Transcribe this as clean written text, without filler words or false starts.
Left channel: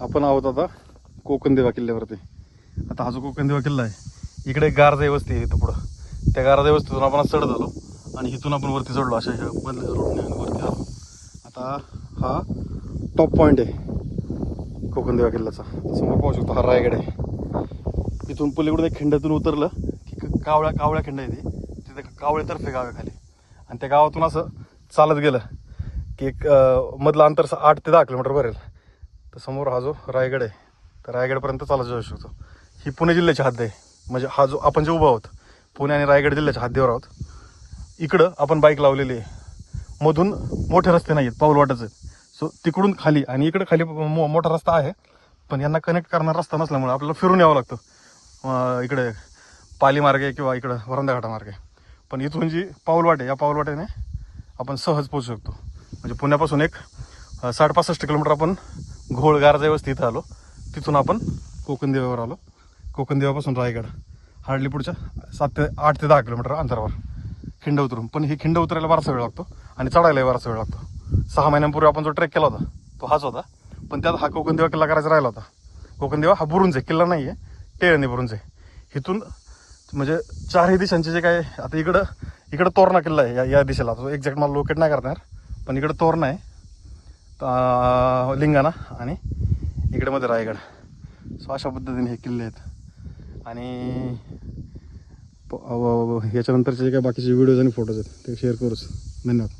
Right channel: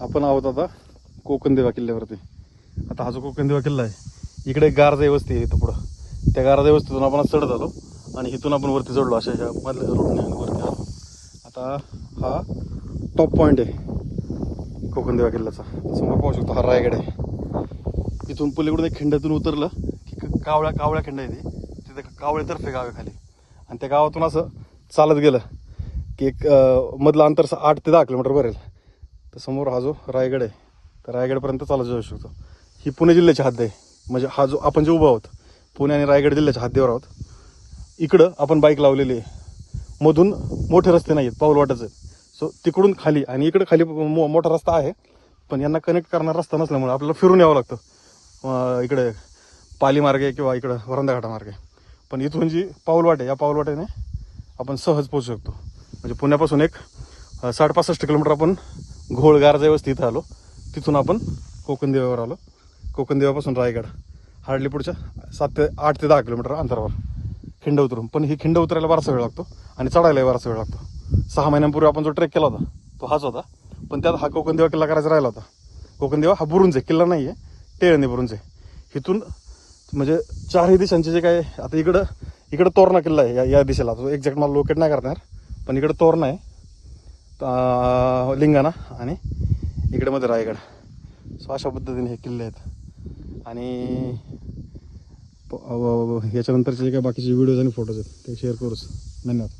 आपण आहोत आता कोकणदेवा किल्ल्यावरती. आता हा जो कोकणदेवा किल्ला आहे, इकडे गारजाई वस्ती आहे इथं पुढं. त्या गारजाई वस्तीतून आपण चढ झालो आणि इथून आपण वरती चढलो अशा एका. आता हा टॉप पॉइंट आहे कोकणदेवा किल्ल्याचा. समोर पाहू शकतो हा रायगड आहे. इथून पलीकडे खिंडातून उतरलं, कावळ्या खिंड आहे तिथे, कावळे करतो गावाकडे. आणि त्या गावातून असं चालत गेलं की एक मधलं अंतर 8 ते 10 किलोमीटर भरेल. तर समोर हा जो रायगड आहे, तर रायगडपर्यंत चालत जाऊ शकतो. ही पुणे जिल्ह्याची हद्द आहे. म्हणजे हा जो आपण जे उभं आहोत, पुणे आणि रायगड जिल्ह्याच्या हद्दीवर आहोत. इकडं आपण बाईक लावलेली आहे. मधून मोठे रस्ते नाहीत, पाऊल वाटायचं. सो तिकडून खाली आणि इकडे खाली मोठा रस्ता आहे, पण यांना कनेक्ट करणारा रस्ता नसल्यामुळे आपल्याला फिरून यावं लागतं इकडे पाली मार्गे किंवा इकडे वरंदा घाटा मार्गे. पण इथून जी पाऊलवाट आहे, या पाऊलवाटेने आपण सहज पोहोचू शकतो. म्हणजे पुण्यापासून एक 65 किलोमीटर आपण घोळ गारजाई वस्ती इथं आलो. तिथून आपण कोकणदेवावर आलो. कोकणदेवापासून रायगड हार्डली पुढच्या 8 ते 10 किलोमीटर अंतरावर खिंड उतरून. पण ही खिंड उतरायला बराच वेळ लागतो आणि चढायला बराच वेळ लागतो. 6 महिन्यांपूर्वी आपण जो ट्रेक केला ना, तो हाच होता. पण त्यात हा कोकणदेवा किल्ला करायचा राहिला होता. कोकणदेवा हा बुरुंज आहे, किल्ला नाहीये, टेळणी बुरुंज आहे. इथून म्हणजे चारही दिशांचे जे काय, आता इकडं तोरणा किल्ला आहे या दिशेला. तो एक्झॅक्ट मला लोकेट नाही करता, पण इकडे तोरणा आहे लिंगाणा आणि इकडे मध्ये रायगड. सो अशा पद्धतीने हे किल्ले आहेत. आणि याच्यानंतरचे जे काही बाकीचे व्हिडिओज आणि फोटोज आहेत ते शेअर करूच. धन्यवाद.